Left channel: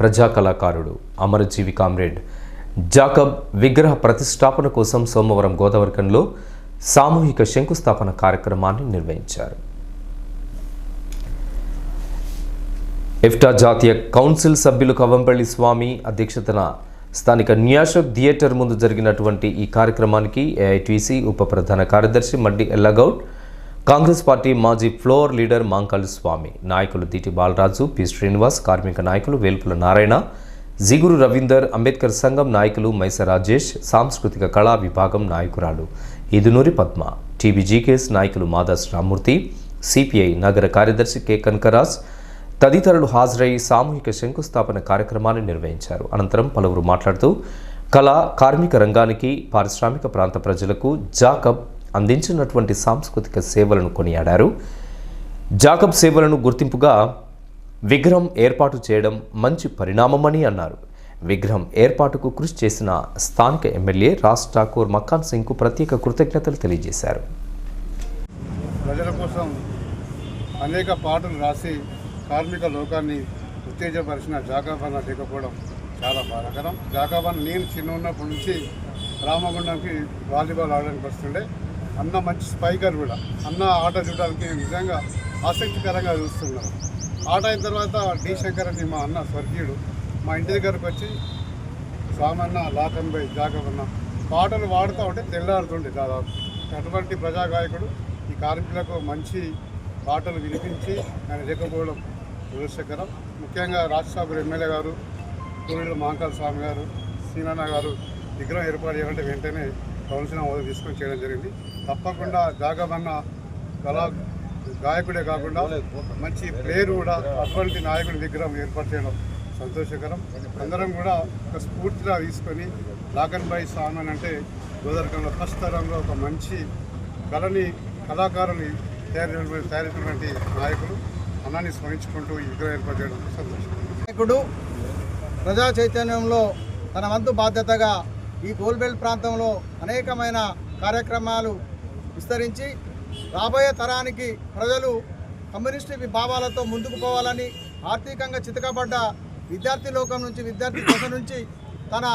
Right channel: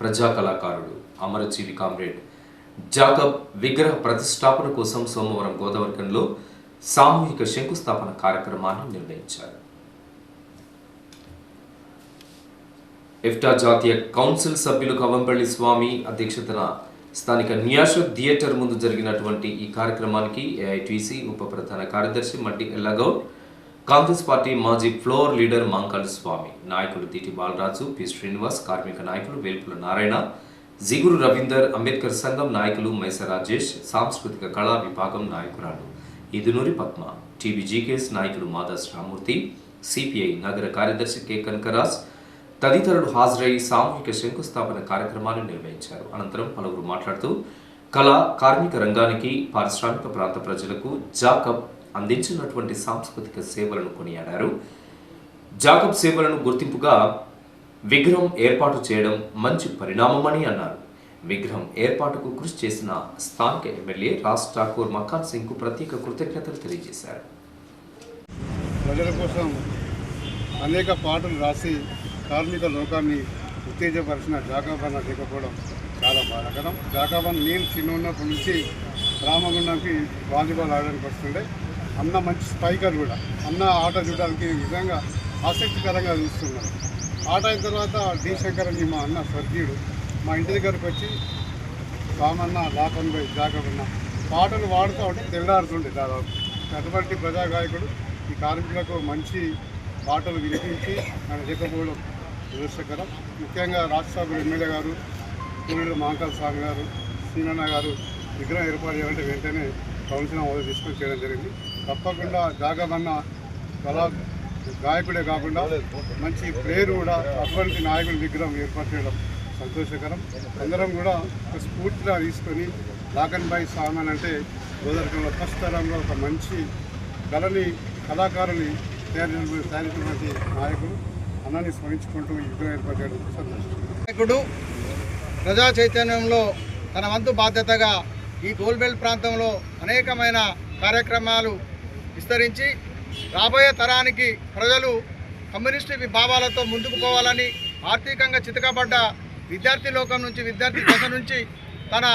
ప్రజా కళాకారుడు అమరజీవి comrade Jacob విగ్రహ ప్రతిష్టాపన కోసం సోమవారం గోదావరికంలో సామూహిక శంకుస్థాపన కార్యక్రమాన్ని నిర్వహించారు. ఇఫ్టా జాతీయ కౌన్సిల్ సభ్యులు కవంపల్లి స్వామి అధ్యక్షతన స్థానిక న్యాష థియేటర్ ముందు జరిగినటువంటి ఈ కార్యక్రమానికి ఏఐటీసీ ఉప ప్రధాన కార్యదర్శి మడ్డి ఎల్లగౌడ్ కాంగ్రెస్ పార్టీ మాజీ ఫ్లోర్ లీడర్ మాంకాళి స్వామి నాయకులు దిటి బాలరాజు పి. శ్రీనివాస్ కార్మిక నాయకులు వేల్పుల నారాయణ జిగురు రవీందర్ అంబేద్కర్ సంఘం నాయకులు మైస రాజేష్ సాంస్కృతిక కళా విభాగం నాయకురాలు ఇదునూరి పద్మ టీబీజీకేఎస్ నాయకులు మాదాస్ రామ్మూర్తి సిపిఐ నగర కార్యదర్శి కె. కనకరాజ్ తదితరులు హాజరై సామూహిక శంకుస్థాపన కార్యక్రమాన్ని నిర్వహించారు. అనంతరం పలువురు మాట్లాడుతూ కళ కార్మిక రంగానికి పారిశ్రామిక ప్రాంత ప్రజలకు జాకబ్ అందించినటువంటి సాంస్కృతిక సేవలను కొనియాడారు. జాకబ్ సేవలను గుర్తింపుగా విగ్రహం ఏర్పాటు చేయడం మంచి పరిణామమని అన్నారు. విగ్రహం ఏర్పాటుకు కృషి చేసిన స్థానిక ఎమ్మెల్యే రాజ్ ఠాకూర్ మక్కాన్ సింగ్కు ప్రత్యేక కృతజ్ఞతలు తెలియజేశారు. ప్రజల కోసం అనేక పాటలు రాసి కార్మిక లోకాన్ని ఉత్తేజపరిచిన జాకాబాన్ లేకపోవడం చాలా బాధాకరం. జాకాబాన్ నేను చిన్న ఉన్నప్పటి నుంచి రామగుండంకి వాలీబాల్ ఆడడానికి వస్తుండే. అన్న మంచి స్పైకర్ కూడా. అన్న ఆట చూడడానికి నిజంగా ఆసక్తికరంగా చూస్తున్నారు. ఆట అయిన తర్వాత డి శంకర్ అని మా అన్న స్వర్గీయుడు. మా ఇంటి దగ్గరకు వచ్చి సామన్న లాకన్ బై జాగవన్న పాటలు వాడుతూ ఉంటే తెల్లారుతుండే దాదాపు. అటువంటి ప్రజాగాయకుడు ఈ కార్మికులకు మంచి పాటలు వినిపించి ఆయన లేకపోవడం దురదృష్టకరం. ముఖ్యంగా రాజ్యసభ ఎమ్మెల్యే గారు పూర్యుడు మాంకాల స్వామి గారు సీనన్న గారు విగ్రహం ఏర్పాటు చేయాలంటే వెంటనే కౌన్సిల్ హోదా తీసుకొని చేయడం జరిగింది. తప్పకుండా గాగమన్న కళా గాయకుడే కాకుండా మంచి ప్లేయర్ కూడా అటువంటి నాయకుడి విగ్రహం ఏర్పాటు చేయడం సంతోషకరం. అందరం కూడా ఒక స్ఫూర్తిగా తీసుకొని లాకన్ బాయ్ సామాన్ అంటే గోదావరికంలో ఫస్ట్ తరంలో ఒక మంచి కళని కళాకారుని తయారు తయారుకున్నటువంటి నాయకుడు అన్నాన్ని స్మరించుకుంటూ ఈ విగ్రహం ఏర్పాటు చేయడం సంతోషం నాయకుడు ప్రజా చైతన్యంలో తన వంతు బాధ్యతగా ఈ గోల్బెల్ట్ ప్రాంతంలో అనేకమైన కార్యక్రమాలు విస్తరించి రాబోయే తరానికి ప్రజలు కమ్యూనిస్టు భావాలతో ముందుకు పోవాలని ఆర్థికంగా చితకబడ్డ విద్యార్థి లోకం నుంచి విద్యార్థి దశ నుంచి తన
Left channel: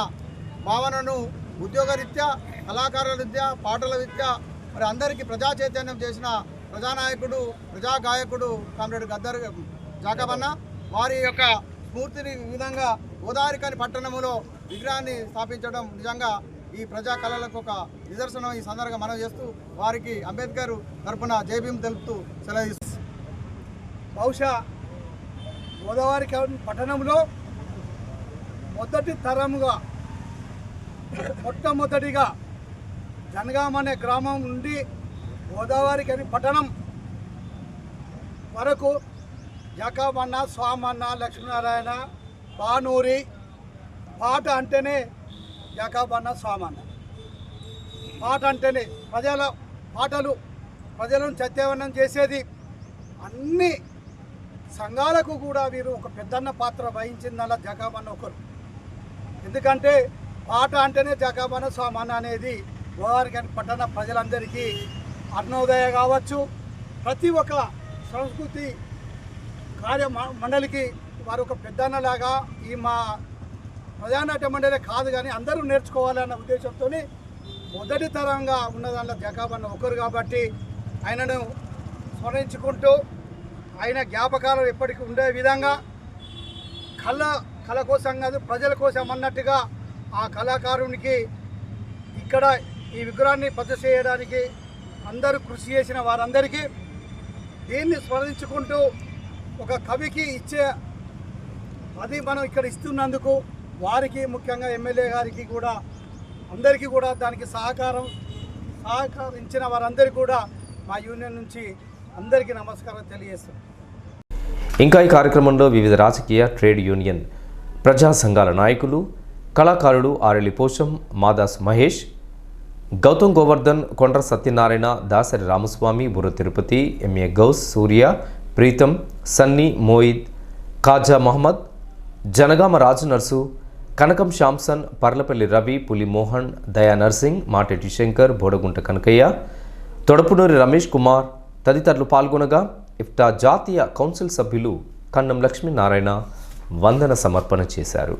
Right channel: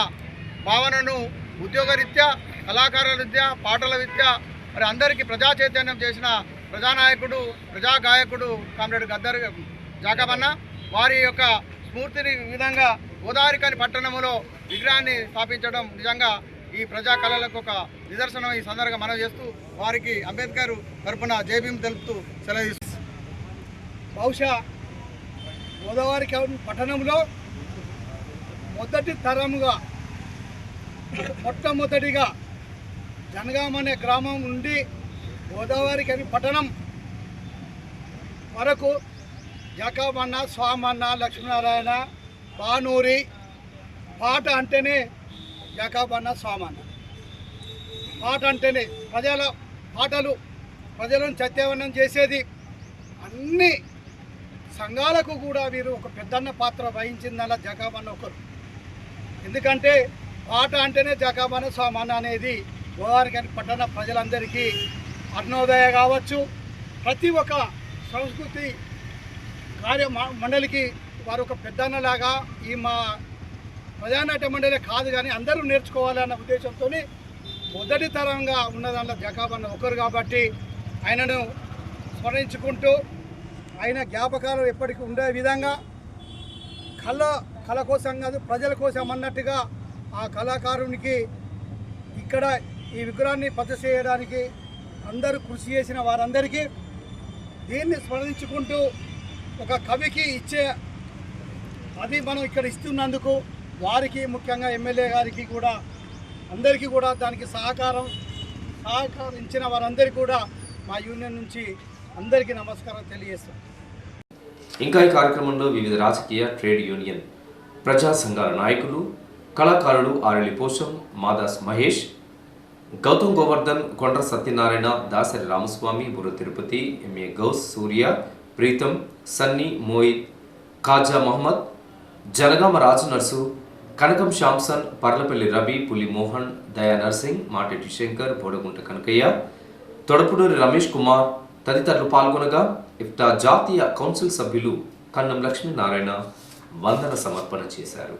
భావనను ఉద్యోగరీత్యా కళాకారుల రీత్యా పాటల రీత్యా మరి అందరికీ ప్రజా చైతన్యం చేసిన ప్రజానాయకుడు ప్రజా గాయకుడు కామ్రేడ్ గద్దర్ జాకబన్న వారి యొక్క స్ఫూర్తిని విధంగా గోదావరికాని పట్టణంలో విగ్రహాన్ని స్థాపించడం నిజంగా ఈ ప్రజా కళలకు ఒక నిదర్శనం ఈ సందర్భంగా మనం చేస్తూ వారికి అంబేద్కర్ తరపున జైభీం తెలుపుతూ సెలవు బహుశా గోదావరి పట్టణంలో మొదటి తరముగా మొట్టమొదటిగా జనగాం అనే గ్రామం నుండి గోదావరి కని పట్టణం వరకు జకాబన్న స్వామన్న లక్ష్మీనారాయణ బానూరి పాట అంటేనే జకాబన్న సామాన్న పాట అంటేనే ప్రజల పాటలు ప్రజలను సత్యవనం చేసేది. అన్ని సంఘాలకు కూడా వీరు ఒక పెద్దన్న పాత్ర వహించిందన్న జకాబన్న ఒకరు. ఎందుకంటే పాట అంటేనే జకాబన్న స్వామన్న అనేది గోదావరి పట్టణ ప్రజలందరికీ అరుణోదయ కావచ్చు. ప్రతి ఒక్క సంస్కృతి కార్య మండలికి వారు ఒక పెద్దన్నలాగా ఈ మా ప్రజానాట్య మండలి కాదు కానీ అందరూ నేర్చుకోవాలన్న ఉద్దేశంతో మొదటి తరంగా ఉన్నదాంట్లో జకాబన్న ఒకరు కాబట్టి ఆయనను స్మరించుకుంటూ ఆయన జ్ఞాపకాలు ఎప్పటికీ ఉండే విధంగా కళ కళ కోసం కాదు ప్రజల కోసం అన్నట్టుగా ఆ కళాకారునికి ఇక్కడ ఈ విగ్రహాన్ని ప్రతిష్ట చేయడానికి అందరూ కృషి చేసిన వారందరికీ దీన్ని స్మరించుకుంటూ ఒక కవికి ఇచ్చే అది మనం ఇక్కడ ఇస్తున్నందుకు వారికి ముఖ్యంగా ఎమ్మెల్యే గారికి కూడా అందరికీ కూడా దానికి సహకారం సహకరించిన వారందరికీ కూడా మా యూనియన్ నుంచి అందరికీ నమస్కారం తెలియజేస్తాం ఇంకా ఈ కార్యక్రమంలో వివిధ రాజకీయ ట్రేడ్ యూనియన్ ప్రజా సంఘాల నాయకులు కళాకారులు ఆరళి పోషం మాదాస్ మహేష్ గౌతమ్ గోవర్ధన్ కొండ్ర సత్యనారాయణ దాసరి రామస్వామి బుర్ర తిరుపతి ఎంఏ గౌస్ సూర్య ప్రీతం సన్నీ మోయిద్ ఖాజా మహమ్మద్ జనగామ రాజు నర్సు కనకం శాంసన్ పర్లపల్లి రవి పులి మోహన్ దయా నర్సింగ్ మాటెటి శంకర్ బోడగుంట కనకయ్య తొడపునూరి రమేష్ కుమార్ తదితరులు పాల్గొనగా ఇఫ్టా జాతీయ కౌన్సిల్ సభ్యులు కన్నం లక్ష్మీనారాయణ వందన సమర్పణ చేశారు.